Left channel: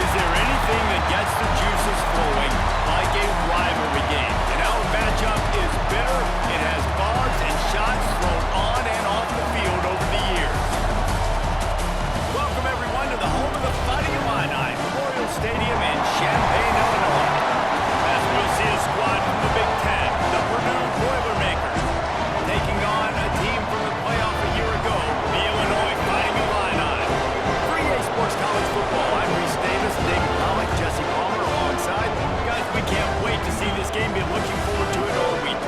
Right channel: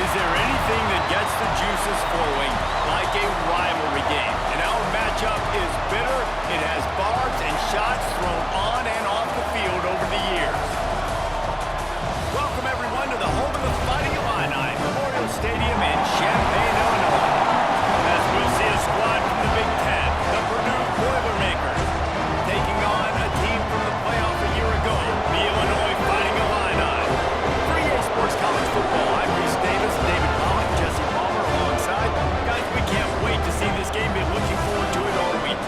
Is there anything that gets the juices flowing like a rivalry game? And our matchup is bitter. It has barbs and shots thrown on and off the field over the years. Welcome, everyone, to the home of the Fighting Illini, Memorial Stadium in Champaign, Illinois. As we'll see a squad from the Big Ten, the Purdue Boilermakers, taking on a team from the playoff a year ago, the Illinois Fighting Illini. For EA Sports College Football, I'm Reese Davis, David Pollock, Jesse Palmer alongside. Guys, we can't wait to see this game. Been looking forward to it all week.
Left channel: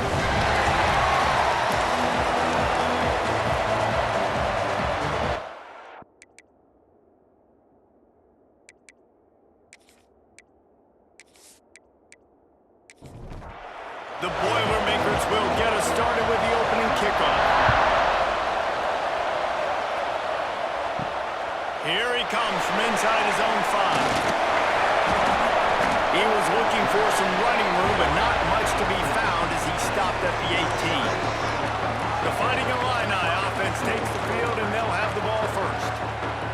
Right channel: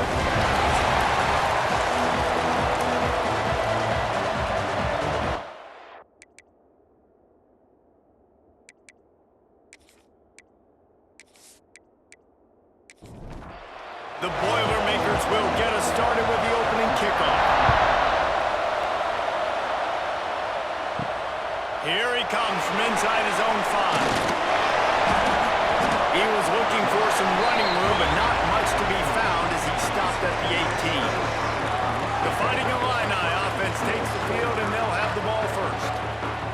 The Boilermakers will get us started with the opening kickoff. Here he comes from inside his own 5. He was looking for some running room, but not much to be found as he stopped at the 18. The Fighting Illini offense takes the field, and they'll have the ball first.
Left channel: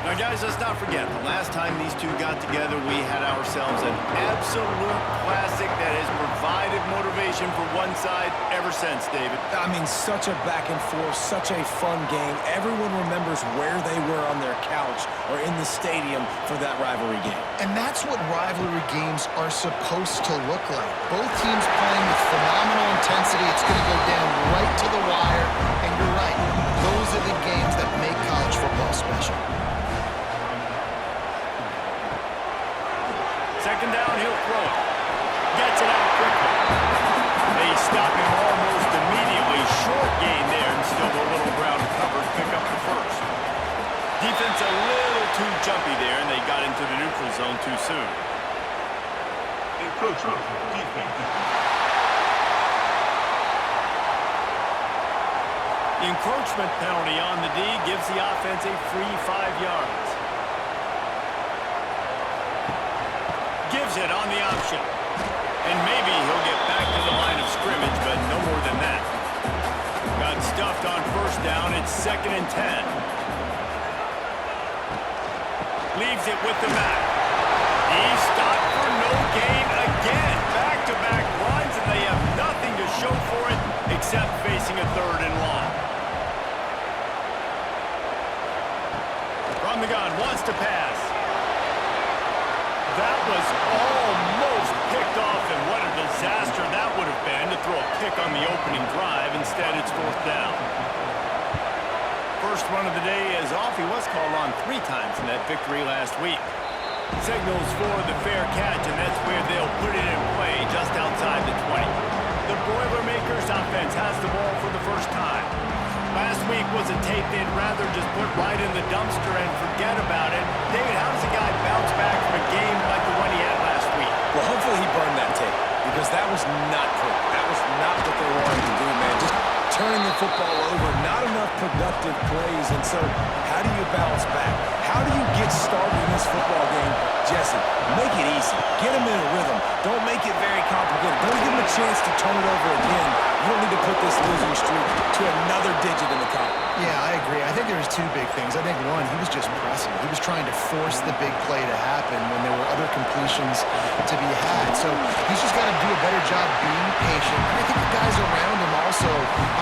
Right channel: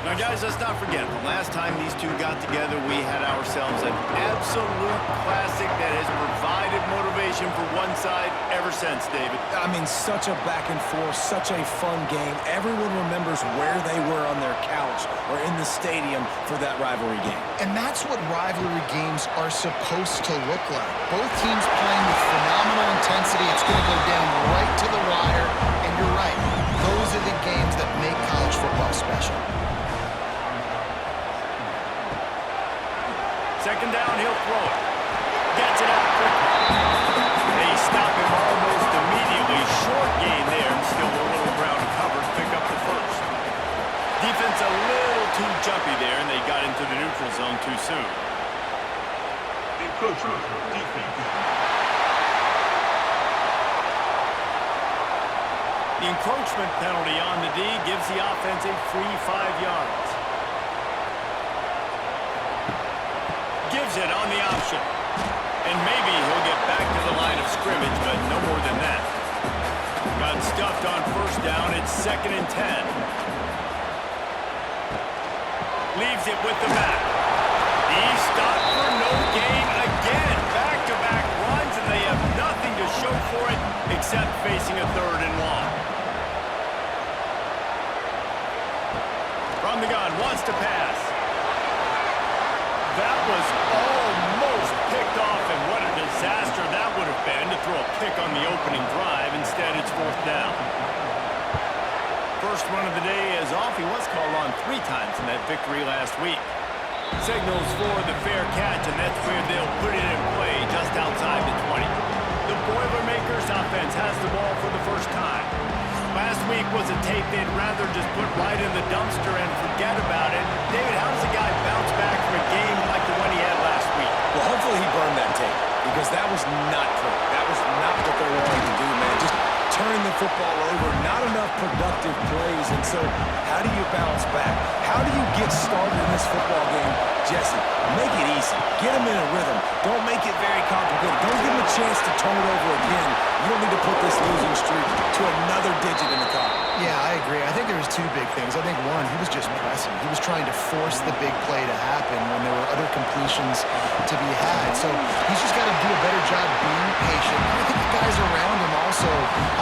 Now, guys, let's not forget, the last time these two got together, we had ourselves an absolute classic that has provided motivation for one side ever since, David. I mean, such a back and forth, such a fun game. Everyone remembers where they were on their couch or in the stadium for that rivalry game. And that's what rivalry games are supposed to look like. Both teams playing with phenomenal intensity. It's going to go down right to the wire. And you're right, those are the games that make college football special. Second down, he'll throw it. Gets it out quickly. They stop him almost immediately. Short gain there, and still a little ground covered. Pick up the first. Defense a little too jumpy there, and they got into the neutral zone too soon. Encroachment, defense. The encroachment penalty on the D gives the offense a free 5 yards. Gives it on the option. And maybe he'll get back to the line of scrimmage, but no more than that. Got stuffed on first down. It's 2nd and 10. Leaves it with the back. He's stopped for no gain again. Back-to-back runs, and they have nothing to show for it except facing a 3rd and long. From the gun, wants to pass. That was almost picked off, and what a disaster that would have been to throw a pick on the opening drive. Instead, it's 4th down. First run of the day is off. He was called on 3 times in that victory last week. Signals for the fair catch, and that's where they'll put it in play just outside the 20. The Boilermakers offense has the ball for the first time. Last week was a tape they'd rather just put right in the dumpster and forget about it. David, how does a guy bounce back from a game like the one he had last week? Well, hopefully he burned that tape, because that was not pretty. That was not what they're wanting to do, man. Just turning the football over, not enough productive plays. And so how do you bounce back? How do you get started in this football game? Jesse, make it easy. Get him in a rhythm. Don't make it very complicated. Don't give him a chance to turn it over again. You don't need to put this losing streak to another digit in the column. Yeah, I agree. I think there was 2 big things. I think, one, he was just pressing. He was trying to force the big play to happen when there were other completions to be had. So he's just got to do a better job being patient. And I think the guys around him also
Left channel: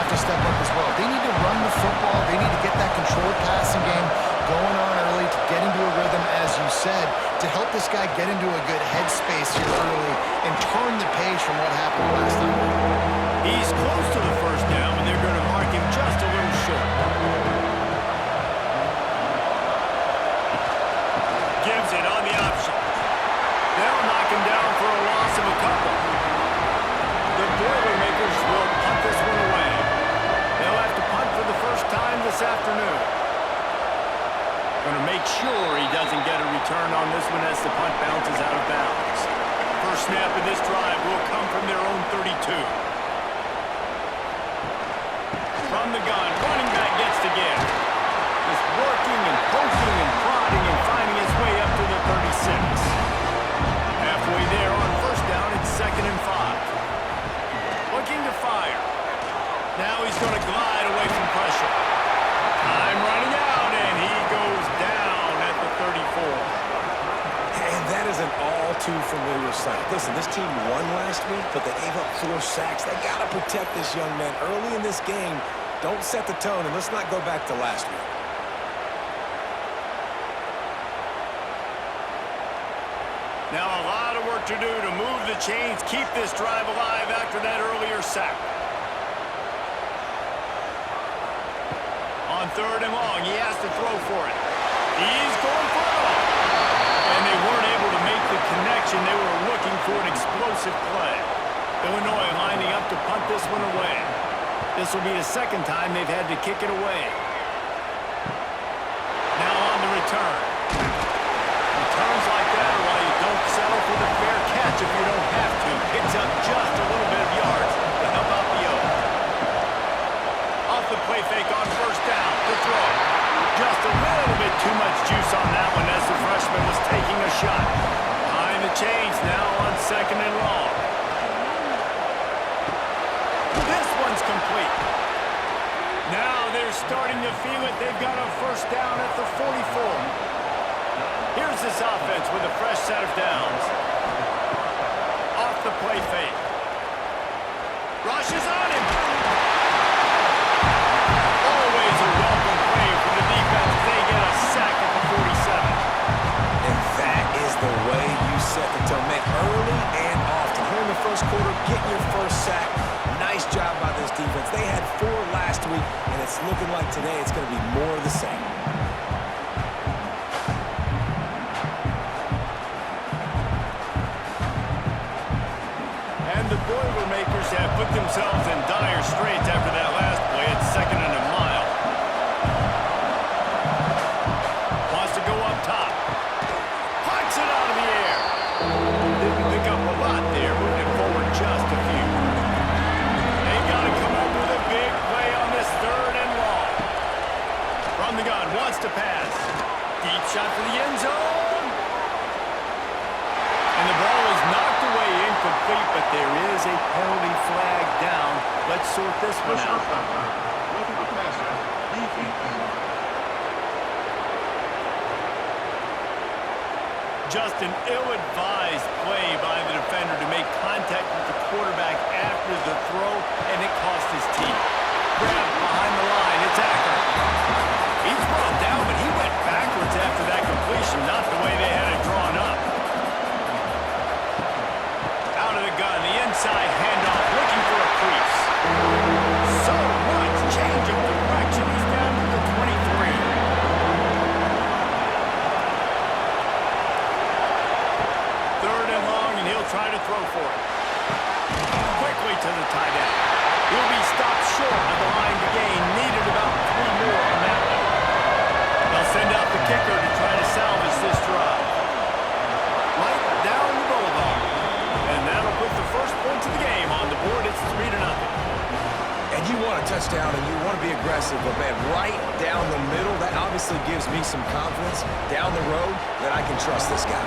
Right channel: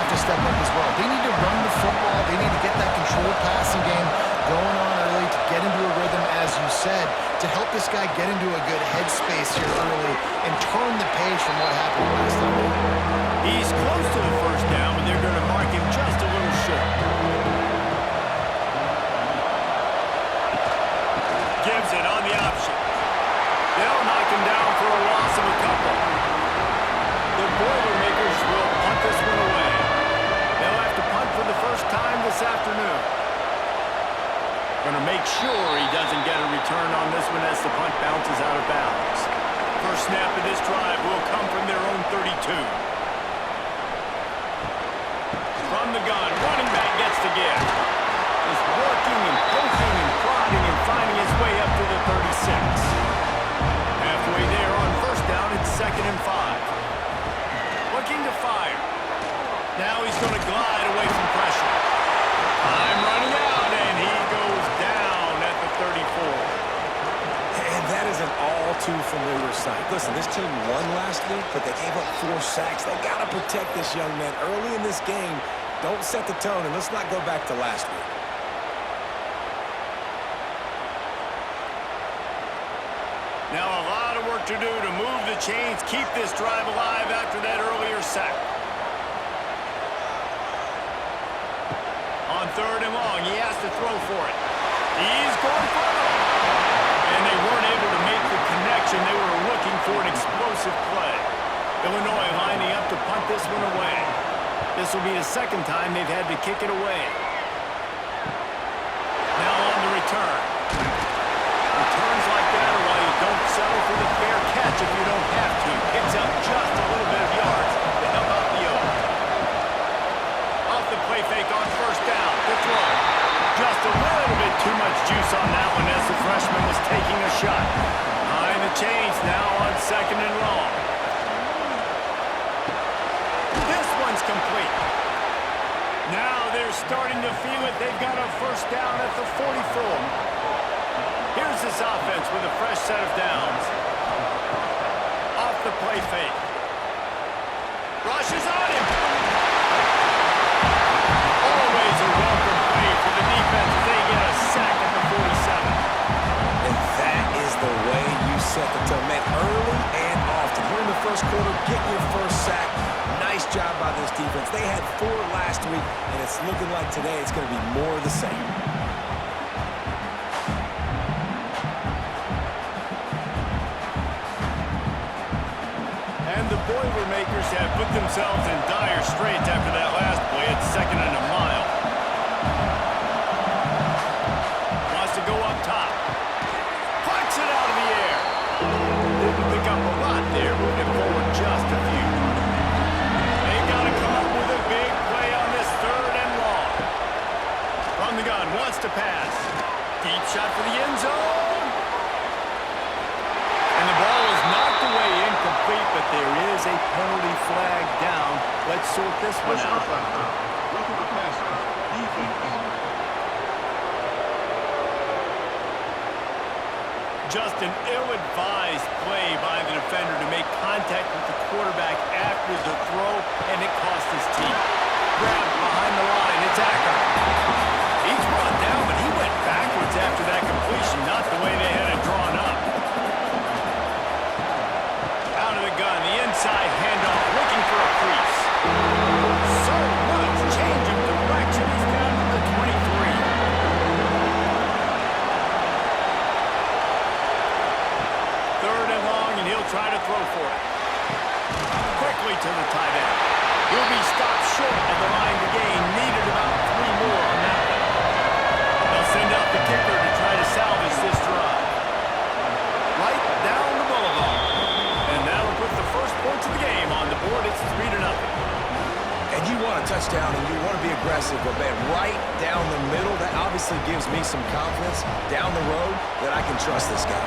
have to step up as well. They need to run the football. They need to get that controlled passing game going on early to get into a rhythm, as you said, to help this guy get into a good headspace here early and turn the page from what happened last time. He's close to the first down, but they're going to mark him just a little short. Gives it on the option. They'll knock him down for a loss of a couple. The Boilermakers will punt this one away. They'll have to punt for the first time this afternoon. Going to make sure he doesn't get a return on this one as the punt bounces out of bounds. First snap of this drive will come from their own 32. From the gun, running back gets to give. Just working and poking and prodding and finding his way up to the 36. Halfway there on first down, it's 2nd and 5. Looking to fire. Now he's going to glide away from pressure. Time running out, and he goes down at the 34. And that is an all too familiar sight. Listen, this team won last week, but they gave up 4 sacks. They got to protect this young man early in this game. Don't set the tone, and let's not go back to last week. Now a lot of work to do to move the chains, keep this drive alive after that earlier sack. On 3rd and long, he has to throw for it. He's going for it all. And they weren't able to make the connection. They were looking for an explosive play. Illinois lining up to punt this one away. This will be the 2nd time they've had to kick it away. Now on the return. Returns like that are why you don't settle for the fair catch if you don't have to. Picks up just a little bit of yards to help out the Oaks. Off the play fake on 1st down to throw. Just a little bit too much juice on that one as the freshman was taking a shot. Behind the chains now on 2nd and long. This one's complete. Now they're starting to feel it. They've got a 1st down at the 44. Here's this offense with a fresh set of downs. Off the play fake. Rushes on him. Always a welcome play for the defense as they get a sack at the 47. And that is the way you set the tone, man, early and often. Here in the 1st quarter, getting your 1st sack. Nice job by this defense. They had 4 last week, and it's looking like today it's going to be more of the same. And the Boilermakers have put themselves in dire straits after that last play at 2nd and a mile. Wants to go up top. Punts it out of the air. Didn't pick up a lot there, moved it forward just a few. They've got to come up with a big play on this 3rd and long. From the gun, wants to pass. Deep shot for the end zone. And the ball is knocked away incomplete, but there is a penalty flag down. Let's sort this one out. Roughing the passer. Defense. Just an ill-advised play by the defender to make contact with the quarterback after the throw, and it cost his team. Grabbed behind the line, it's Acker. He's brought down, but he went backwards after that completion, not the way they had it drawn up. Out of the gun, the inside handoff, looking for a crease. So much change of direction, he's down to the 23. Third and long, and he'll try to throw for it. Quickly to the tight end. He'll be stopped short of the line to gain. Needed about 3 more on that one. They'll send out the kicker to try to salvage this drive. Right down the boulevard. And that'll put the first points of the game on the board. It's 3-0. And you want a touchdown and you want to be aggressive, but man, right down the middle, that obviously gives me some confidence down the road that I can trust this guy.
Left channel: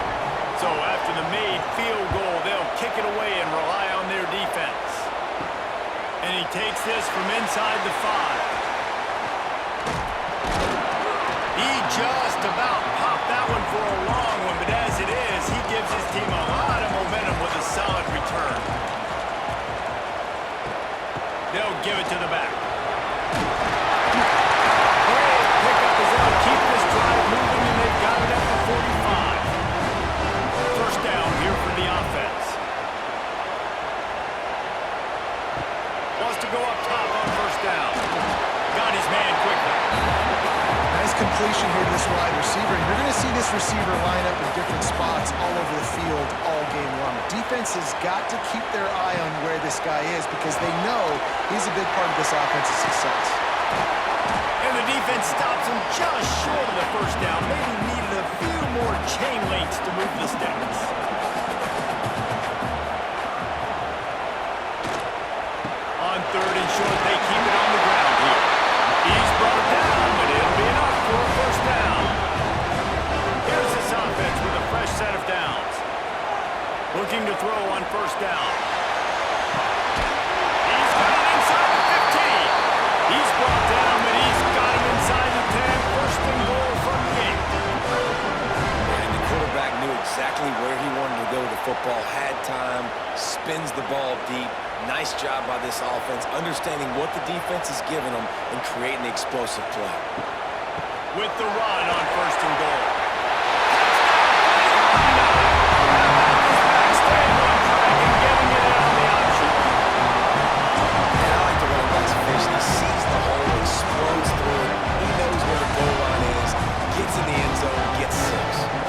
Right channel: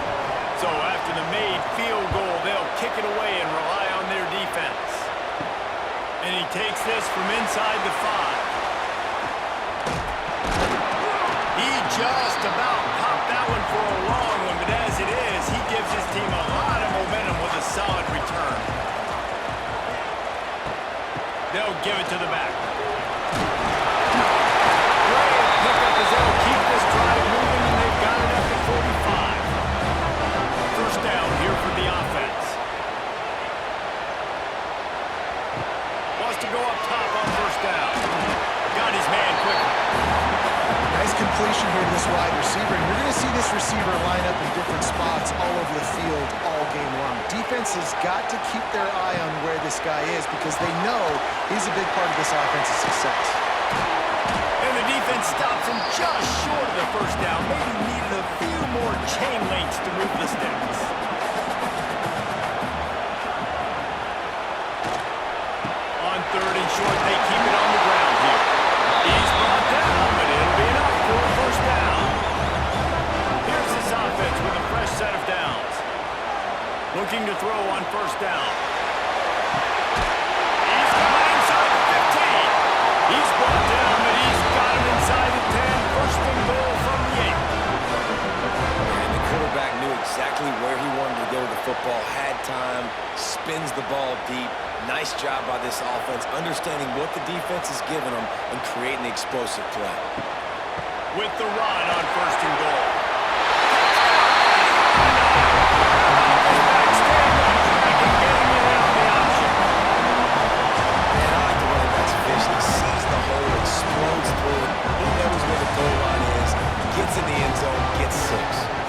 So after the made field goal, they'll kick it away and rely on their defense. And he takes this from inside the 5. He just about popped that one for a long one, but as it is, he gives his team a lot of momentum with a solid return. They'll give it to the back. Great pickup as they'll keep this drive moving, and they've got it at the 45. First down here for the offense. Wants to go up top on 1st down. Got his man quickly. Nice completion here to this wide receiver. And you're going to see this receiver line up in different spots all over the field all game long. Defense has got to keep their eye on where this guy is because they know he's a big part of this offense's success. And the defense stops him just short of the 1st down. Maybe needed a few more chain links to move the sticks. On 3rd and short, they keep it on the ground here. He's brought down, but it'll be enough for a 1st down. Here's this offense with a fresh set of downs. Looking to throw on 1st down. He's got it inside the 15. He's brought down, but he's got him inside the 10. 1st and goal from the 8. And the quarterback quarterback knew exactly where he wanted to go with the football, had time, spins the ball deep. Nice job by this offense, understanding what the defense is giving them and creating the explosive play. With the run on 1st and goal. Touchdown, How about this back staying on track and getting it in on the option? And I like the running back's vision. He sees the hole, explodes through it. He knows where the goal line is, gets in the end zone, gets 6.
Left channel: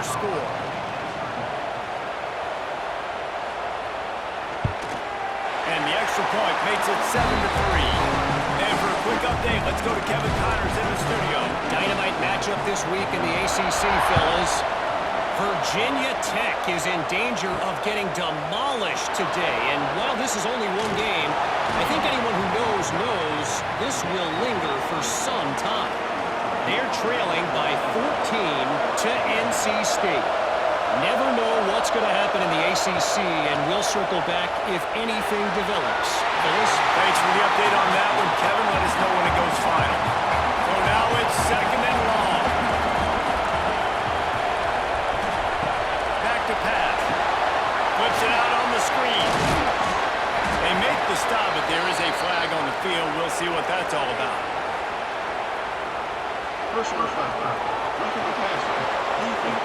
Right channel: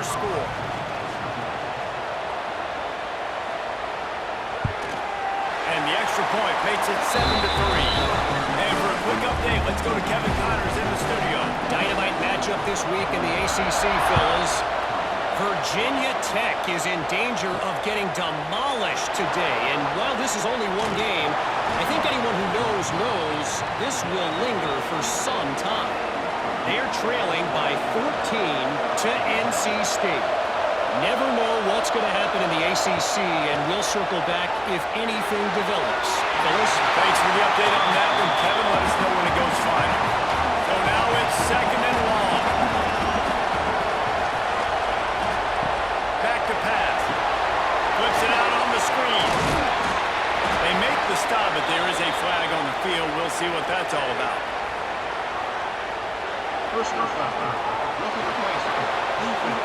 Score. And the extra point makes it 7-3. And for a quick update, let's go to Kevin Connors in the studio. Dynamite matchup this week in the ACC, fellas. Virginia Tech is in danger of getting demolished today. And while this is only one game, I think anyone who knows this will linger for some time. They're trailing by 14 to NC State. Never know what's going to happen in the ACC, and we'll circle back if anything develops. Phyllis? Thanks for the update on that one, Kevin. Let us know when it goes final. So now it's 2nd and long. Back to pass. Flips it out on the screen. They make the stop, but there is a flag on the field. We'll see what that's all about. Personal foul. Roughing the passer. Defense.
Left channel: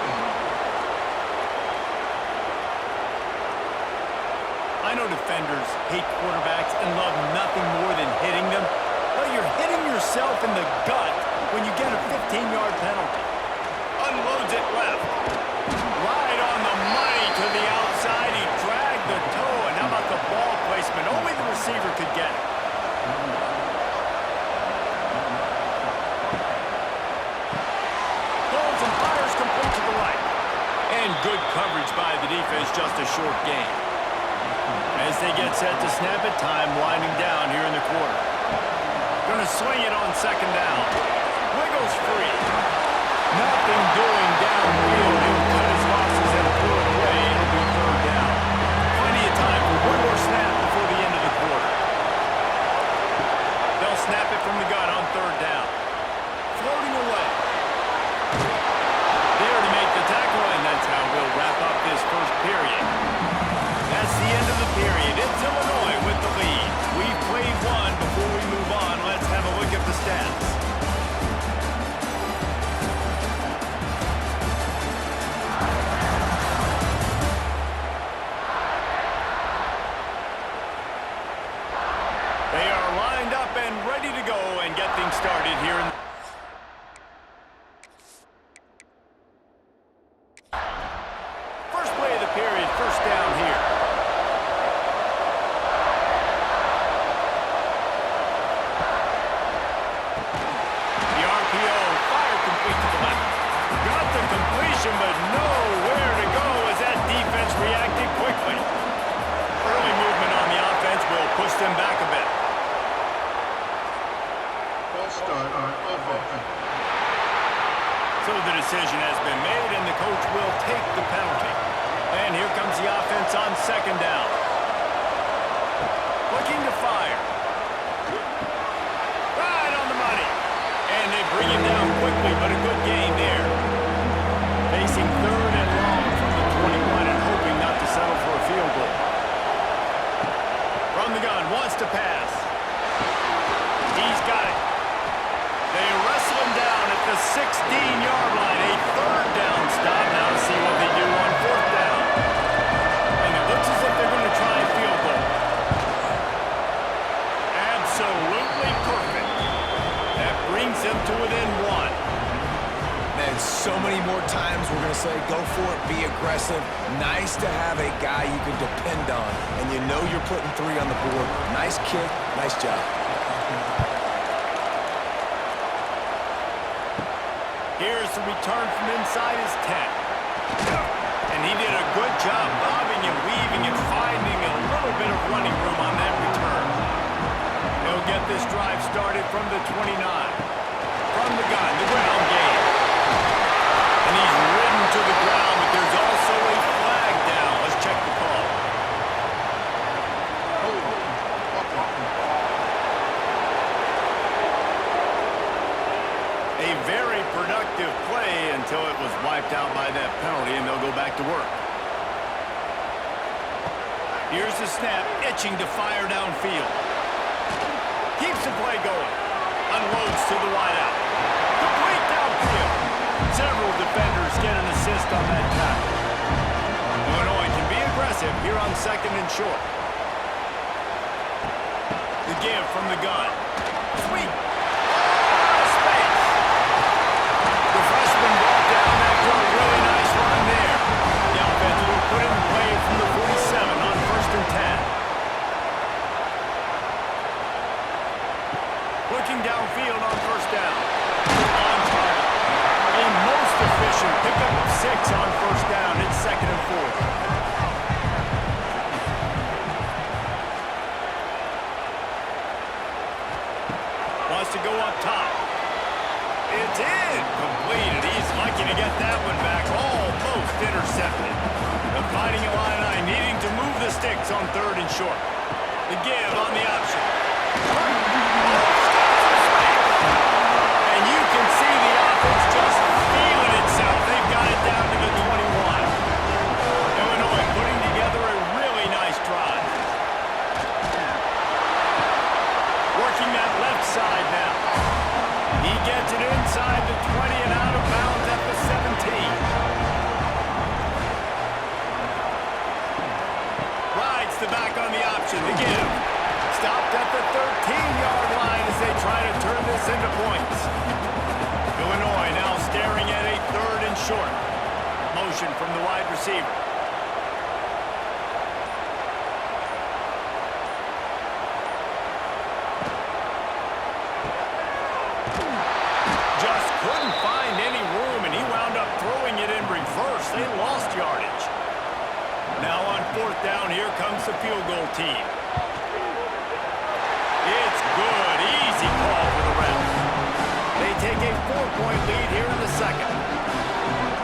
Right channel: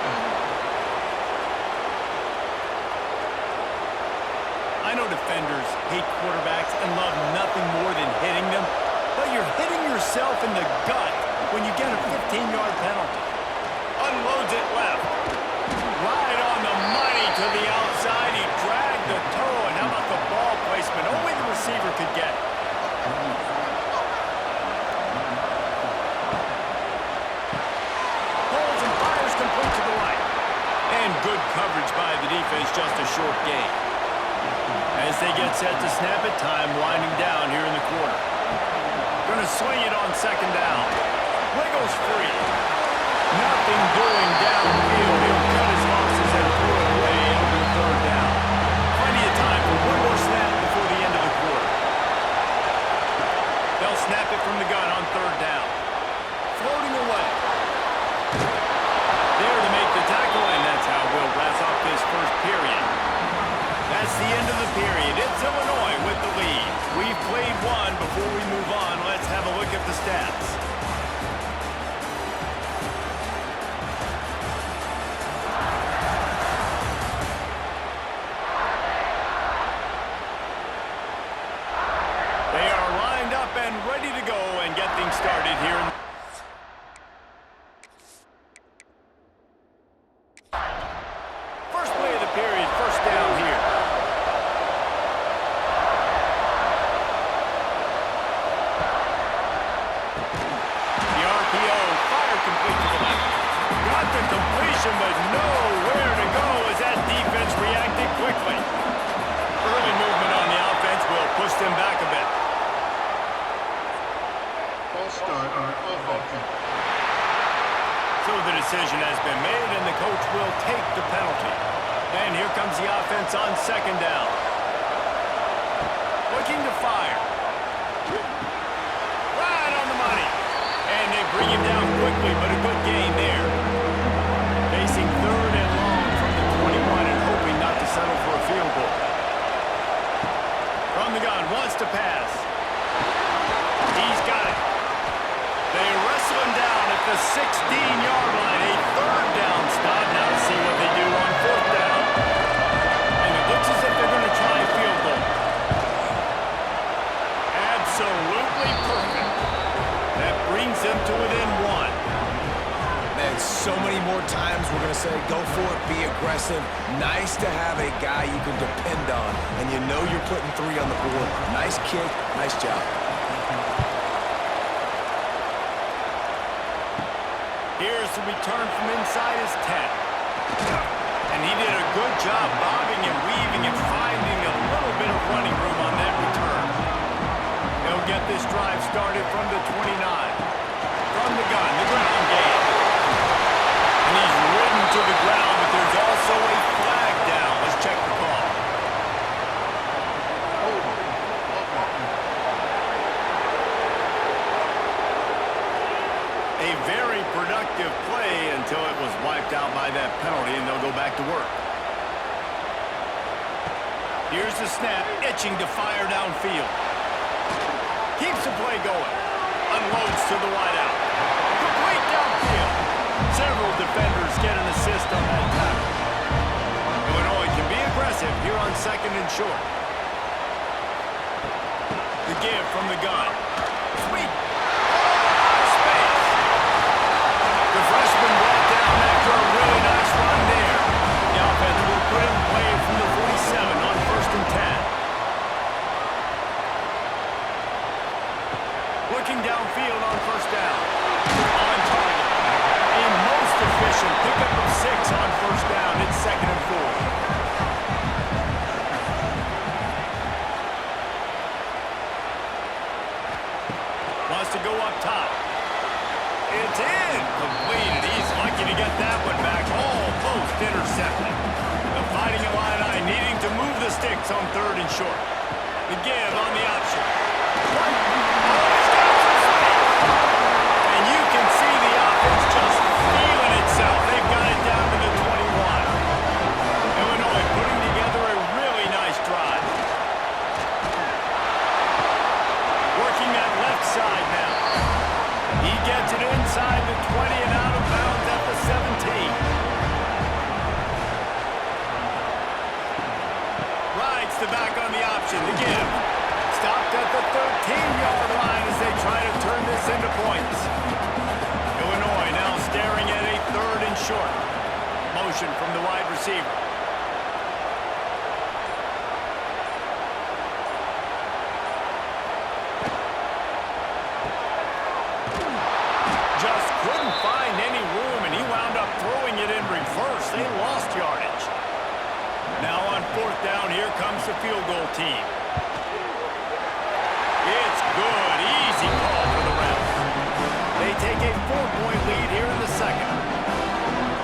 I know defenders hate quarterbacks and love nothing more than hitting them, but you're hitting yourself in the gut when you get a 15-yard penalty. Unloads it left. Right on the money to the outside. He dragged the toe, and how about the ball placement? Only the receiver could get it. Complete to the right. And good coverage by the defense, just a short gain. As they get set to snap it, time winding down here in the quarter. Gonna swing it on 2nd down. Wiggles free. Nothing doing downfield. He'll cut his losses and throw it away. It'll be 3rd down. Plenty of time for one more snap before the end of the quarter. They'll snap it from the gun on 3rd down. Floating away. There to make the tackle, and that's how we'll wrap up this first period. That's the end of the period. It's Illinois with the lead. We've played one. Before we move on, let's have a look at the stats. They are lined up and ready to go and get things started here in play of the period, 1st down here. The RPO, fire complete to the left. Got the completion, but nowhere to go as that defense reacted quickly. Early movement on the offense will push them back a bit. False start on offense. So the decision has been made, and the coach will take the penalty. And here comes the offense on 2nd down. Looking to fire. Right on the money. And they bring him down quickly, but a good gain there. Facing 3rd and long from the 21 and hoping not to settle for a field goal. From the gun, wants to pass. He's got it. They wrestle him down at the 16-yard line. A 3rd down stop. Now to see what they do on 4th down. And it looks as if they're going to try a field goal. Absolutely perfect. That brings them to within 1. Man, so many more times we're going to say, go for it, be aggressive. Nice to have a guy you can depend on, and you know you're putting 3 on the board. Nice kick, nice job. Here's the return from inside his 10. And he did a good job bobbing and weaving and finding a little bit of running room on that return. They'll get this drive started from the 29. From the gun, the ground game. And he's ridden to the ground, but there's also a flag down. Let's check the call. very productive play until it was wiped out by that penalty, and they'll go back to work. Here's the snap, itching to fire downfield. Keeps the play going. Unloads to the wideout. Complete downfield. Several defenders get an assist on that tackle. Illinois can be aggressive here on 2nd and short. The give from the gun. Sweet. Oh, space. The freshman brought down after a really nice run there. The offense will put in play from the 47 on 1st and 10. Looking downfield on 1st down. On target. A most efficient pickup of 6 on 1st down. It's 2nd and 4. Wants to go up top. It's in. Completed. He's lucky to get that one back. Almost intercepted. The Fighting Illini needing to move the sticks on 3rd and short. The give on the option. Oh, he's got some space. And you can see the offense just feeling itself. They've got it down to the 21. Illinois putting together a really nice drive. Working that left side now. He gets it inside the 20 and out of bounds at the 17. Rides the back on the option. The give. Stopped at the 13-yard line as they try to turn this into points. Illinois now staring at a 3rd and short. Motion from the wide receiver. Just couldn't find any room, and he wound up throwing it in reverse. They lost yardage. Now on 4th down, here comes the field goal team. It's good. Easy call for the refs. They take a 4-point lead here in the 2nd.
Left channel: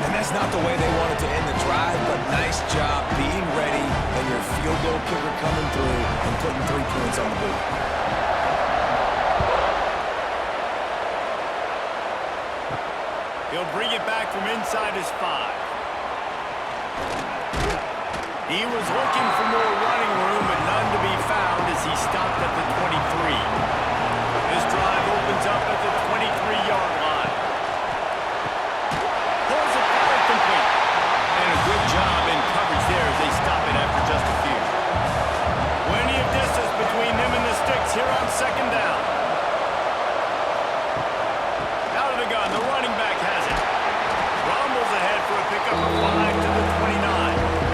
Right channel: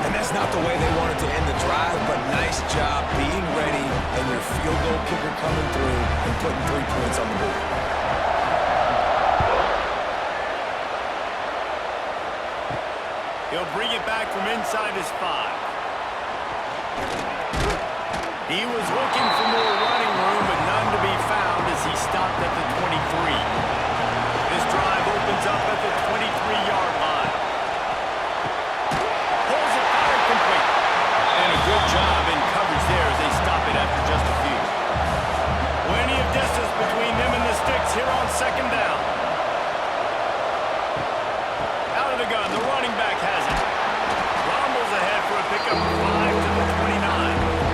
And that's not the way they wanted to end the drive, but nice job being ready and your field goal kicker coming through and putting 3 points on the board. He'll bring it back from inside his 5. He was looking for more running room, but none to be found as he stopped at the 23. This drive opens up at the 23-yard line. Pulls it fired complete. And a good job in coverage there as they stop it after just a few. Plenty of distance between them and the sticks here on 2nd down. Out of the gun, the running back has it. Rumbles ahead for a pickup of 5 to the 29.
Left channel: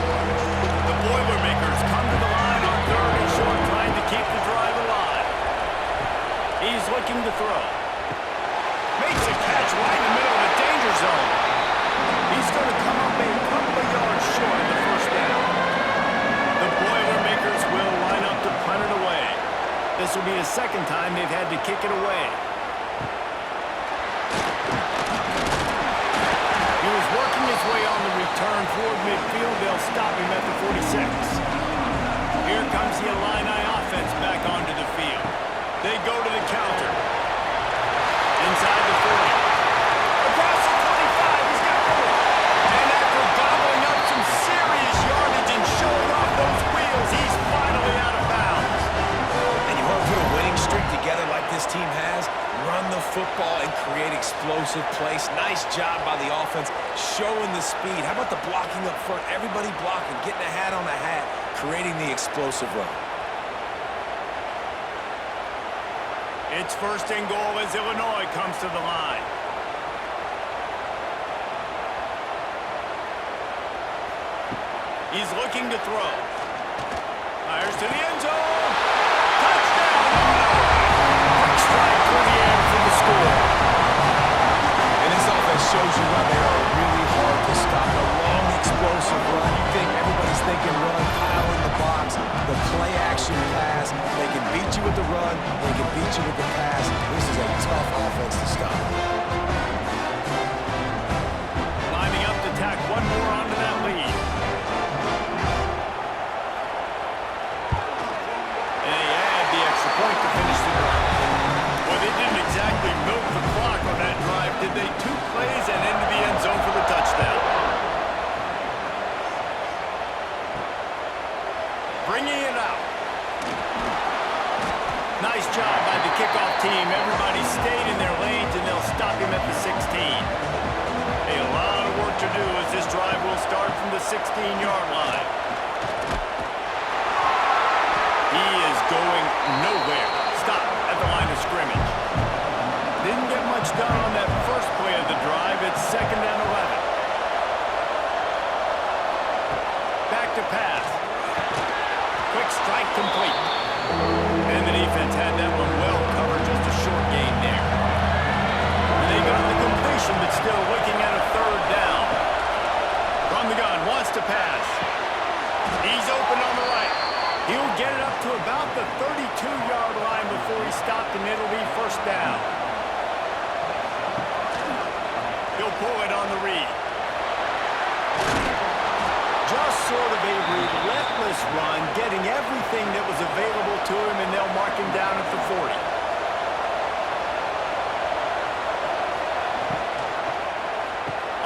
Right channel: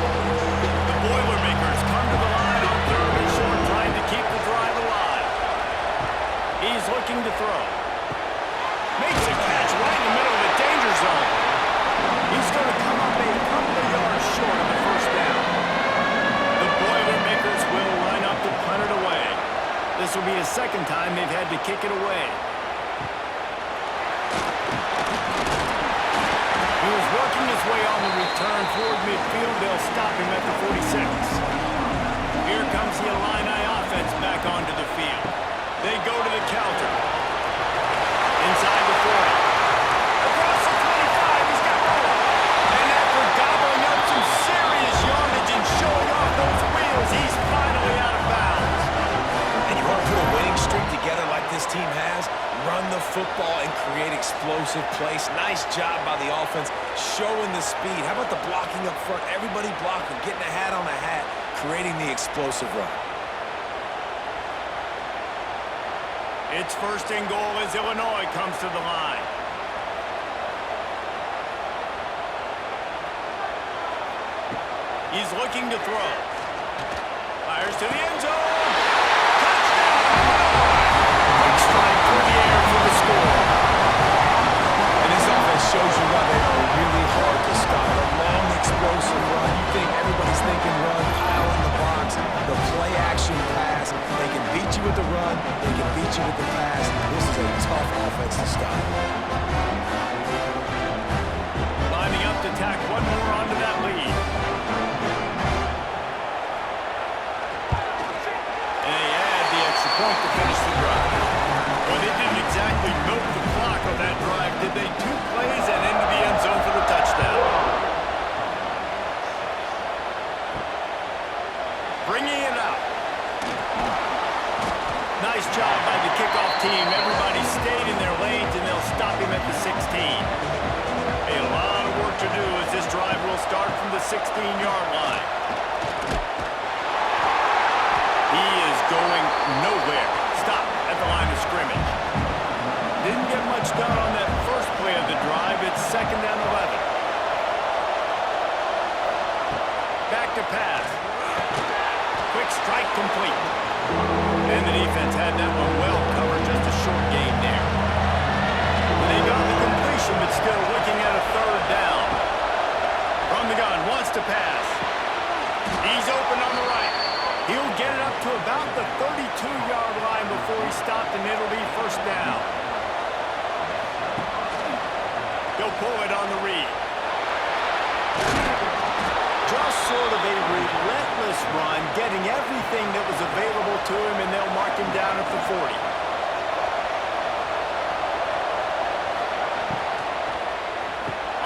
The Boilermakers come to the line on 3rd and short, trying to keep the drive alive. He's looking to throw. Makes a catch right in the middle of the danger zone. He's going to come up a couple of yards short of the 1st down. The Boilermakers will line up to punt it away. This will be the 2nd time they've had to kick it away. He was working his way on the return toward midfield. They'll stop him at the 46. Here comes the Illini offense back onto the field. They go to the counter. Inside the 40. Across the 25, he's got room. And after gobbling up some serious yardage and showing off those wheels, he's finally out of bounds. And you want to put a winning streak together like this team has? Run the football and create explosive plays. Nice job by the offense, showing the speed. How about the blocking up front? Everybody blocking, getting a hat on a hat, creating the explosive run. It's 1st and goal as Illinois comes to the line. He's looking to throw. Fires to the end zone. Touchdown, Illinois! Quick strike through the air for the score. And this offense shows you why they are really hard to stop. The long, explosive run. You think everybody's thinking run, pile in the box. The play-action pass. They can beat you with the run. They can beat you with the pass. This is a tough offense to stop. Lining up to tack one more onto that lead. And they add the extra point to finish the drive. Well, they didn't exactly milk the clock on that drive, did they? 2 plays and into the end zone for the touchdown. Bringing it out. Nice job by the kickoff team. Everybody stayed in their lanes, and they'll stop him at the 16. A lot of work to do as this drive will start from the 16-yard line. He is going nowhere. Stop at the line of scrimmage. Didn't get much done on that first play of the drive. It's 2nd and 11. Back to pass. Quick strike complete. And the defense had that one well covered. Just a short gain there. They got the completion, but still looking at a 3rd down. From the gun, wants to pass. He's open on the right. He'll get it up to about the 32-yard line before he stopped, and it'll be 1st down. He'll pull it on the read. Just sort of a relentless run, getting everything that was available to him, and they'll mark him down at the 40.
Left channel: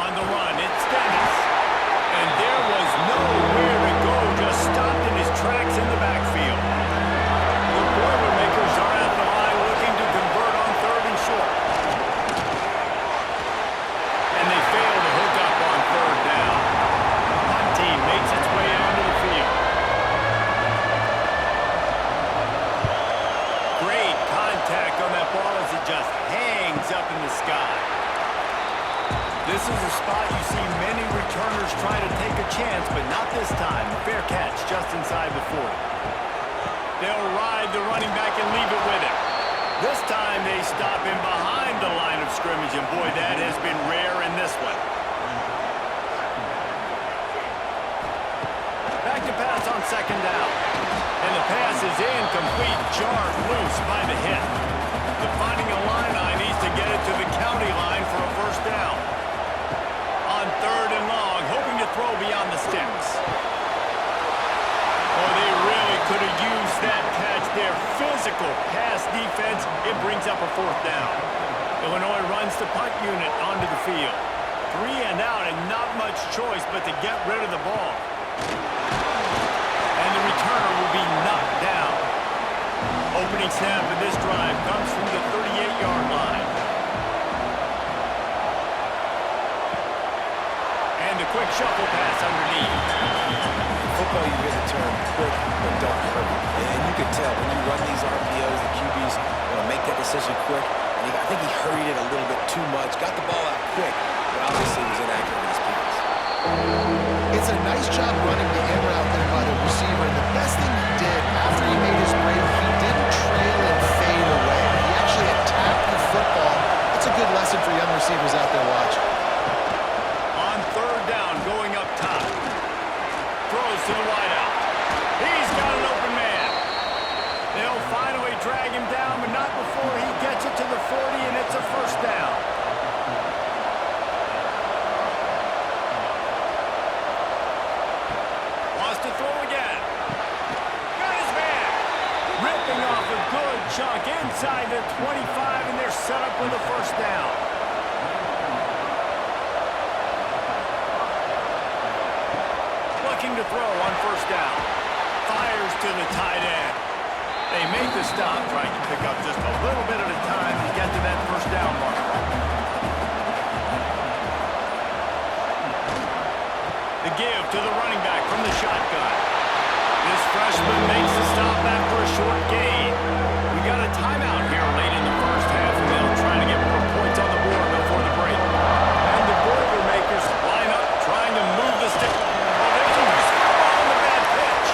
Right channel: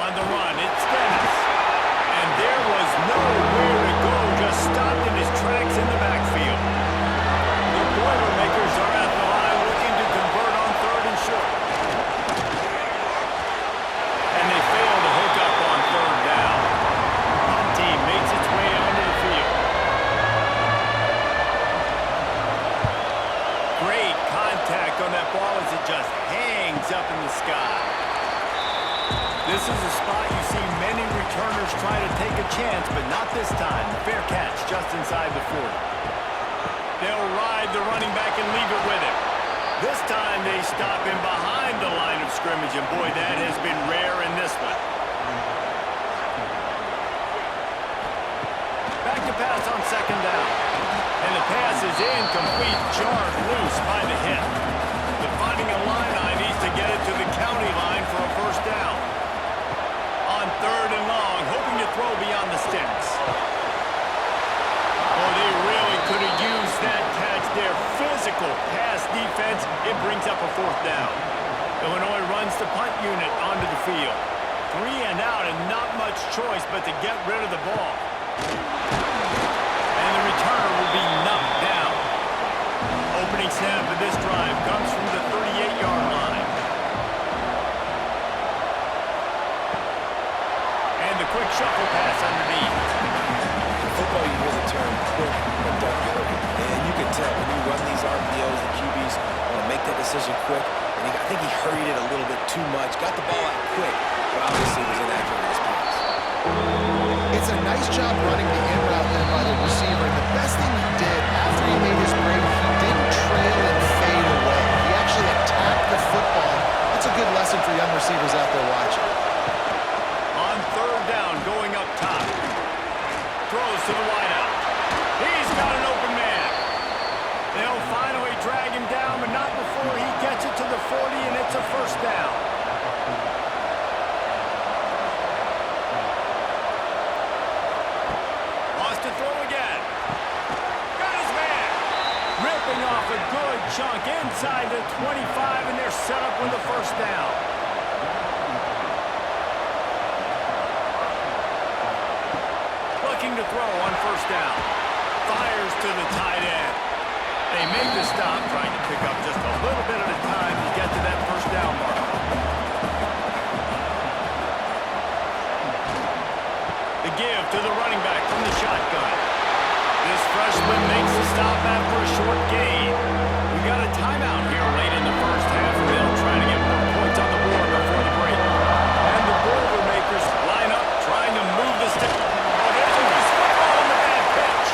On the run, it's Dennis. And there was nowhere to go, just stopped in his tracks in the backfield. The Boilermakers are at the line looking to convert on 3rd and short. And they fail to hook up on 3rd down. The punt team makes its way onto the field. Great contact on that ball as it just hangs up in the sky. This is a spot you see many returners try to take a chance, but not this time. The fair catch just inside the 40. They'll ride the running back and leave it with him. This time they stop him behind the line of scrimmage, and boy, that has been rare in this one. Back to pass on 2nd down. And the pass is incomplete, jarred loose by the hit. The Fighting Illini needs to get it to the county line for a 1st down. On 3rd and long, hoping to throw beyond the sticks. Oh, they really could have used that catch there. Physical pass defense. It brings up a 4th down. Illinois runs the punt unit onto the field. 3 and out, and not much choice but to get rid of the ball. And the returner will be knocked down. Opening snap of this drive comes from the 38-yard line. And the quick shuffle pass underneath. In football, you hear the term quick, but don't hurry. And you can tell when you run these RPOs, the QBs want to make that decision quick. And I think he hurried it a little bit too much. Got the ball out quick, but obviously was inaccurate in his pass. It's a nice job running the in route there by the receiver. And the best thing he did after he made his break, he didn't trail and fade away. He actually attacked the football. That's a good lesson for young receivers out there watching. On 3rd down, going up top. Throws to the wideout. He's got an open man. They'll finally drag him down, but not before he gets it to the 40, and it's a 1st down. Wants to throw again. Got his man. Ripping off a good chunk inside the 25, and they're set up with a 1st down. Looking to throw on 1st down. Fires to the tight end. They make the stop, trying to pick up just a little bit at a time to get to that 1st down marker. The give to the running back from the shotgun. This freshman makes the stop after a short gain. We got a timeout here late in the 1st half, and they'll try to get more points on the board before the break. And the Boilermakers line up, trying to move the stick. Oh, there's a loose football on the bad pitch.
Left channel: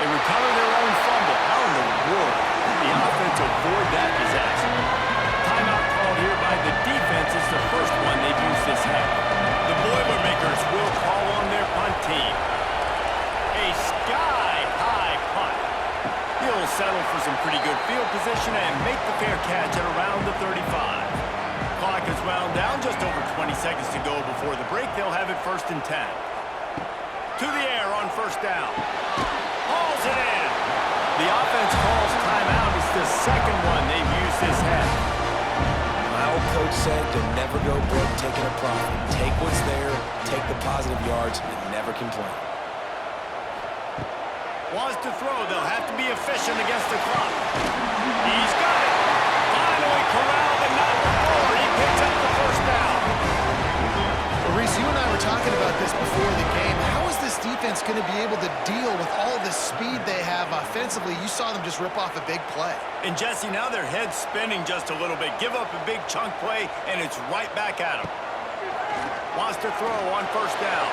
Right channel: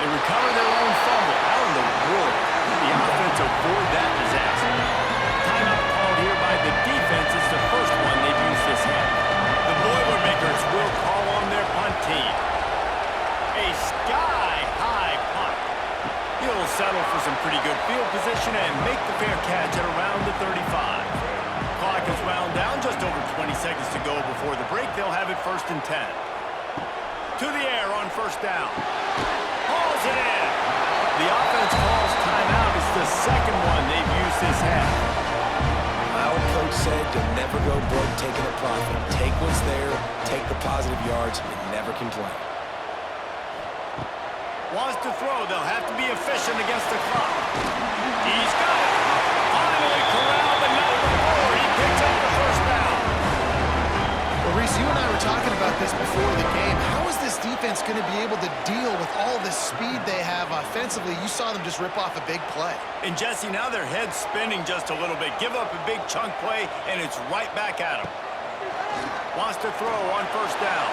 They recover their own fumble. How in the world did the offense avoid that disaster? Timeout called here by the defense. It's the first one they've used this half. The Boilermakers will call on their punt team. A sky-high punt. He'll settle for some pretty good field position and make the fair catch at around the 35. Clock is wound down, just over 20 seconds to go before the break. They'll have it 1st and 10. To the air on 1st down. Hauls it in. The offense calls timeout. It's the second one they've used this half. My old coach said to never go broke taking a profit. Take what's there, take the positive yards, and never complain. Wants to throw. They'll have to be efficient against the clock. He's got it. Finally corralled, but not before. He picks up the first down. Well, Reese, you and I were talking about this before the game. How is this defense going to be able to deal with all the speed they have offensively? You saw them just rip off a big play. And Jesse, now their head's spinning just a little bit. Give up a big chunk play, and it's right back at him. Wants to throw on first down.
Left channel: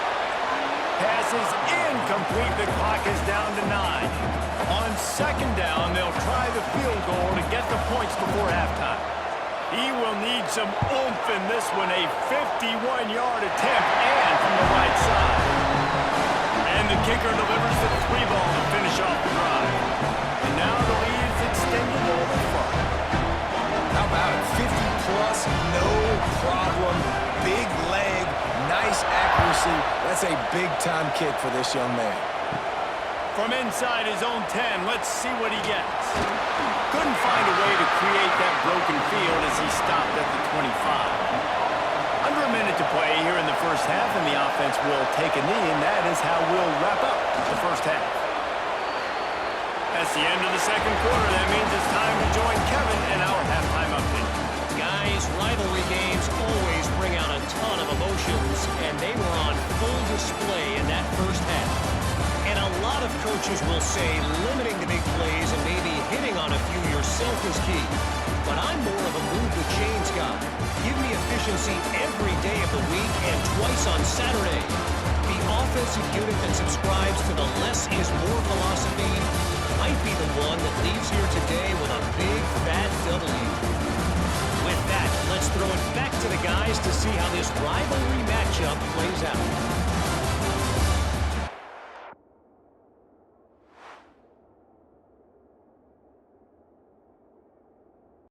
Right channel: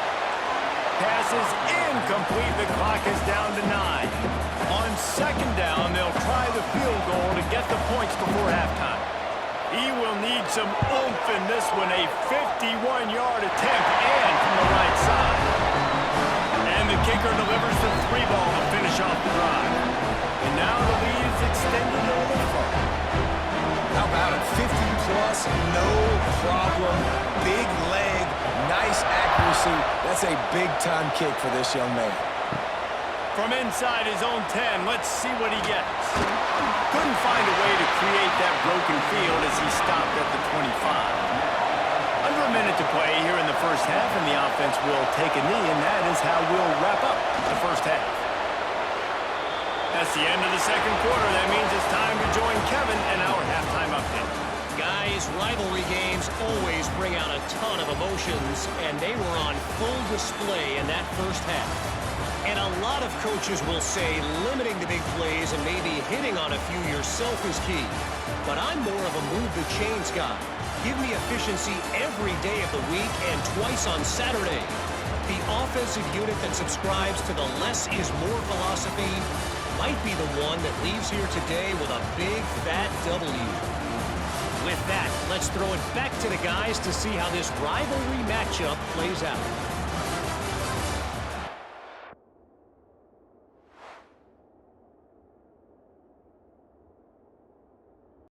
Pass is incomplete. The clock is down to 9. On second down, they'll try the field goal to get the points before halftime. He will need some oomph in this one, a 51-yard attempt, and from the right side. And the kicker delivers the 3 ball to finish off the drive. And now the lead is extended a little further. How about it? 50-plus, no problem. Big leg, nice accuracy. That's a big-time kick for this young man. From inside his own 10, let's see what he gets. Couldn't find a way to create that broken field as he stopped at the 25. Under a minute to play here in the first half, and the offense will take a knee, and that is how we'll wrap up the first half. That's the end of the second quarter. That means it's time to join Kevin in our halftime update. Guys, rivalry games always bring out a ton of emotions, and they were on full display in that first half. And a lot of coaches will say limiting the big plays and maybe hitting on a few yourself is key. But I'm more of a move the chains guy. Give me efficiency every day of the week and twice on Saturday. The offensive unit that subscribes to the less is more philosophy might be the one that leaves here today with a big fat W. With that, let's throw it back to the guys to see how this rivalry matchup plays out.